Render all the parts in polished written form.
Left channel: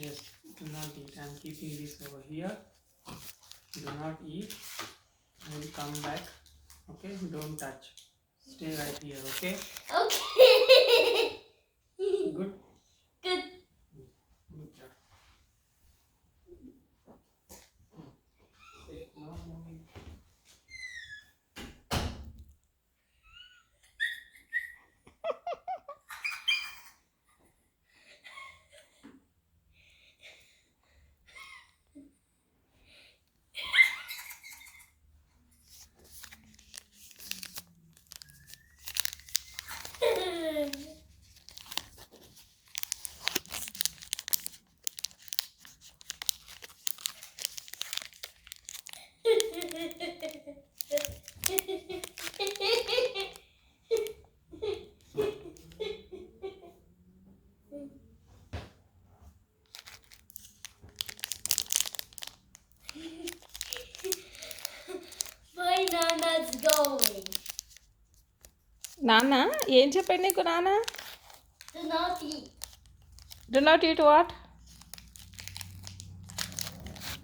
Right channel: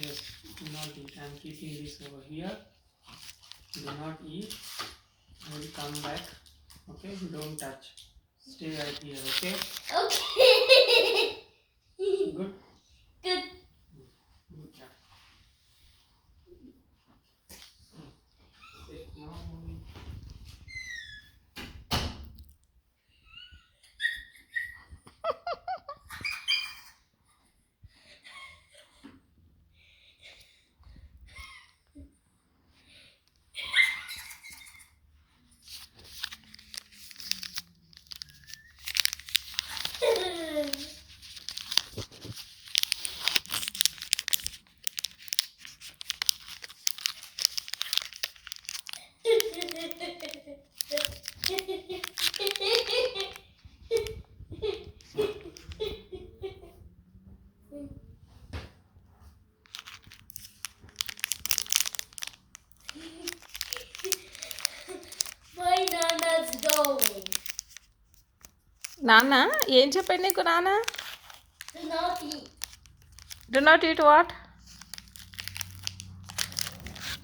Yes, do not eat. I'm keeping this over here. Do not eat. I will come back. Okay, don't touch. Stay right here. Okay. Okay. Good. Good. Good job. Take now, mommy. My Nana's going. నాన్న ఏం చెప్పాడు నీకు నాన్న? Do not eat. Do not eat what?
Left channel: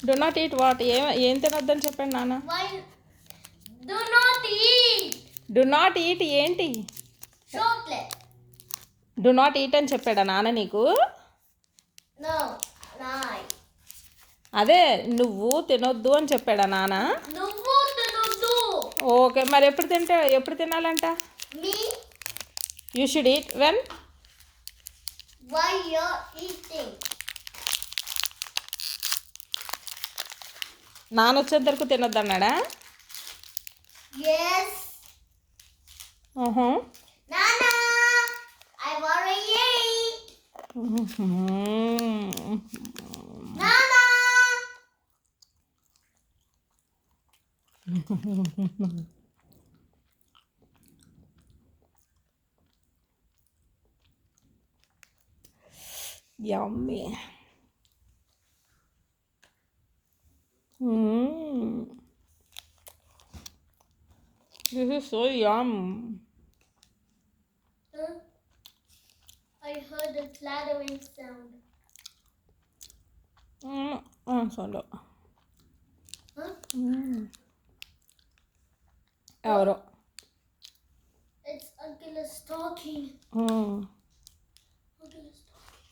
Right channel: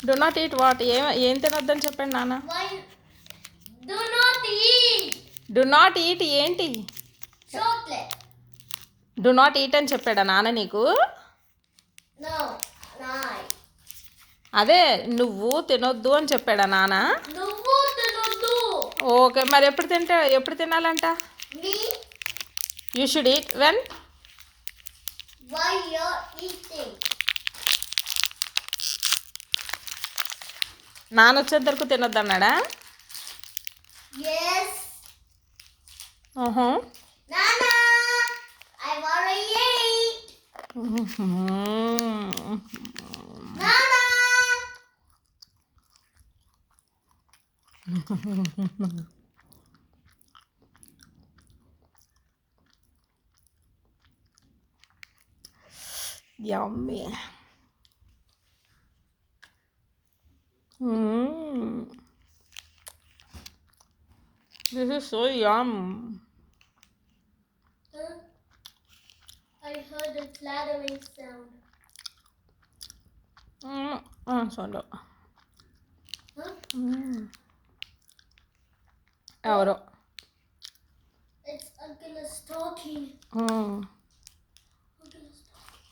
Do not eat what? ఏం తినొద్దని చెప్పాడు నాన్న? Why? Do not eat do not eat ఏంటి? chocolate. Do not eat అని చెప్పాడా నాన్న నీకు? No, lie. అదే నువ్వు తినొద్దు అని చెప్పాడా నాన్న? నువ్వు తినొద్దు. ఓకే, మరి ఎప్పుడు తినాలంట? Me? You should eat when? Why you're eating? నాన్న వచ్చేంత వరకు తినొద్దన్నాడా? Yes. ఓహో. Nana, I've already ate. Nana. Yummy. This is so yum. I heard a clattering sound. Sorry. Huh? ఎవరో. It's Uncle is talking. Mm. Uncle is talking.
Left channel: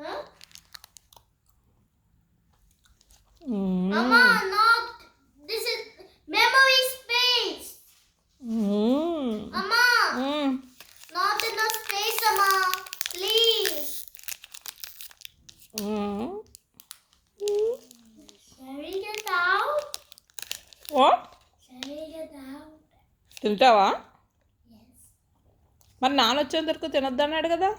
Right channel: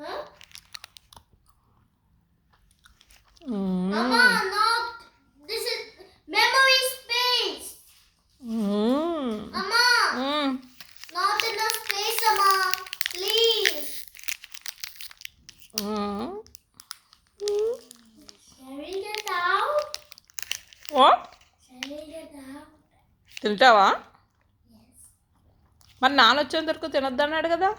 Huh? Mama, not. This is memory space. Mama, not enough space, Mama. Please. Sharing it out. What? Sharing it out. తింటావా? Yes. మరి నాన్న వచ్చేంత వరకు తినొద్దన్నాడు కదా?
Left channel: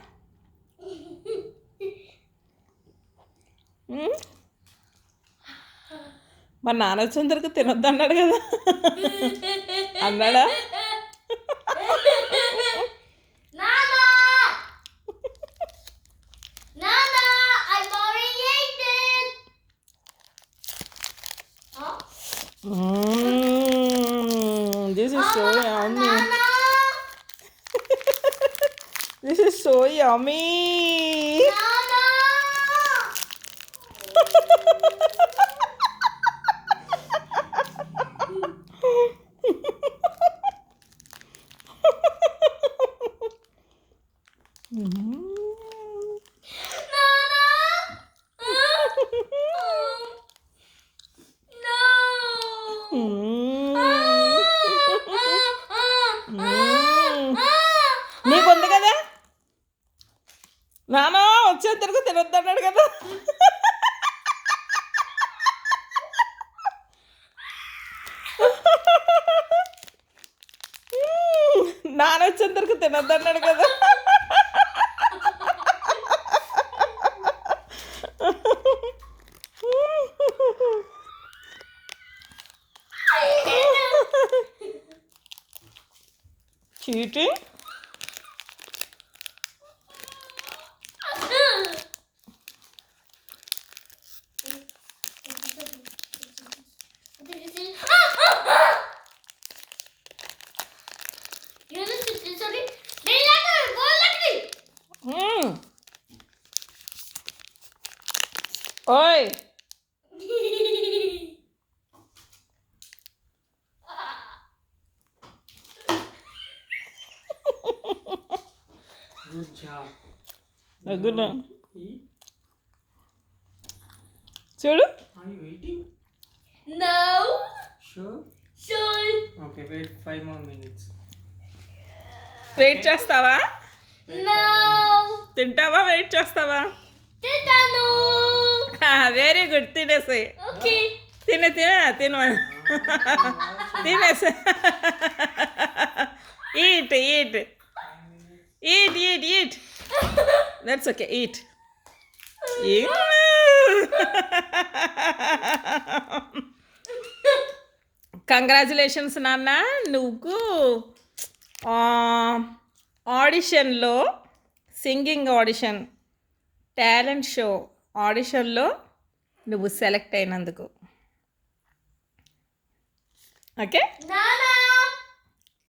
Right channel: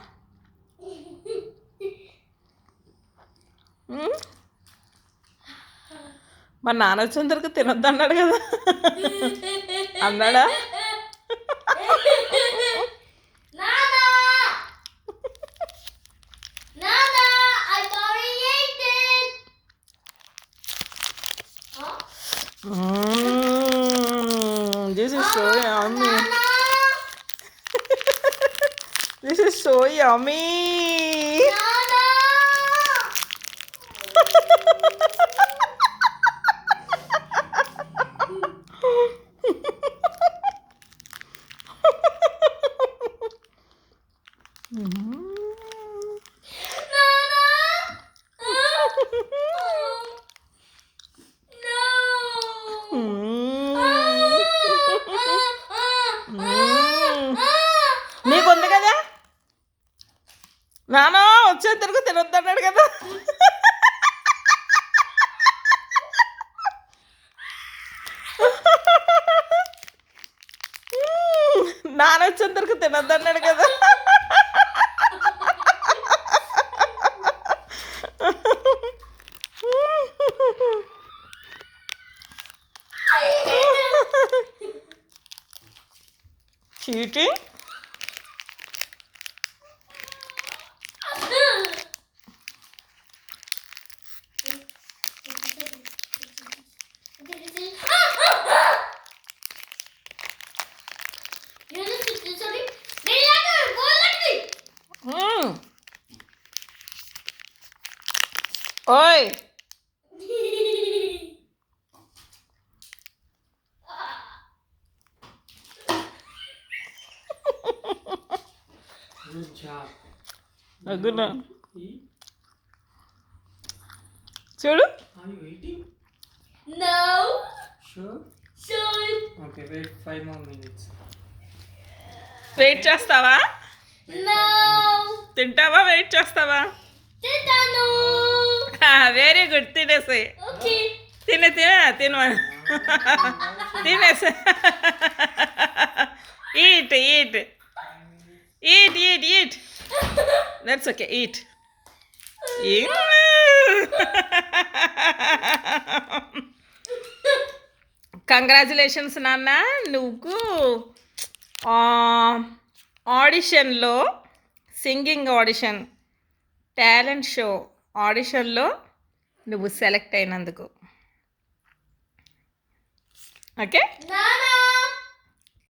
మరి నాన్న వచ్చేంత వరకు తినొద్దన్నాడు కదా? అన్నాడా? Nana! Nana, I've already ate it. Huh? This is so yummy. Nana! This is so yummy. Nana! నీకుంది కదా? నాన్న వచ్చేంత వరకు తినొద్దన్నాడు కదా? నాన్న వచ్చేంత వరకు తినొద్దన్నాడు కదా? Cheating. Sorry. Go let me. ఓయ్ Good job. అగునా Eat. చూడు Are you eating? No. Sure. Sure. Okay, wait 5 more minutes. Wait చేస్తావా No. తింటావా వెయిట్ చేస్తావా Titano. వెరీ గుడ్ తినేసి Okay. తిను తినేసి eat that's okay eat congratulations నాన్న నువ్వు ఆడిషన్లో సింగింగ్ ఆడిషన్ టాలెంట్ షో ఆడిషన్లో నువ్వు సెలెక్ట్ అయినందుకు ఓకే Nana.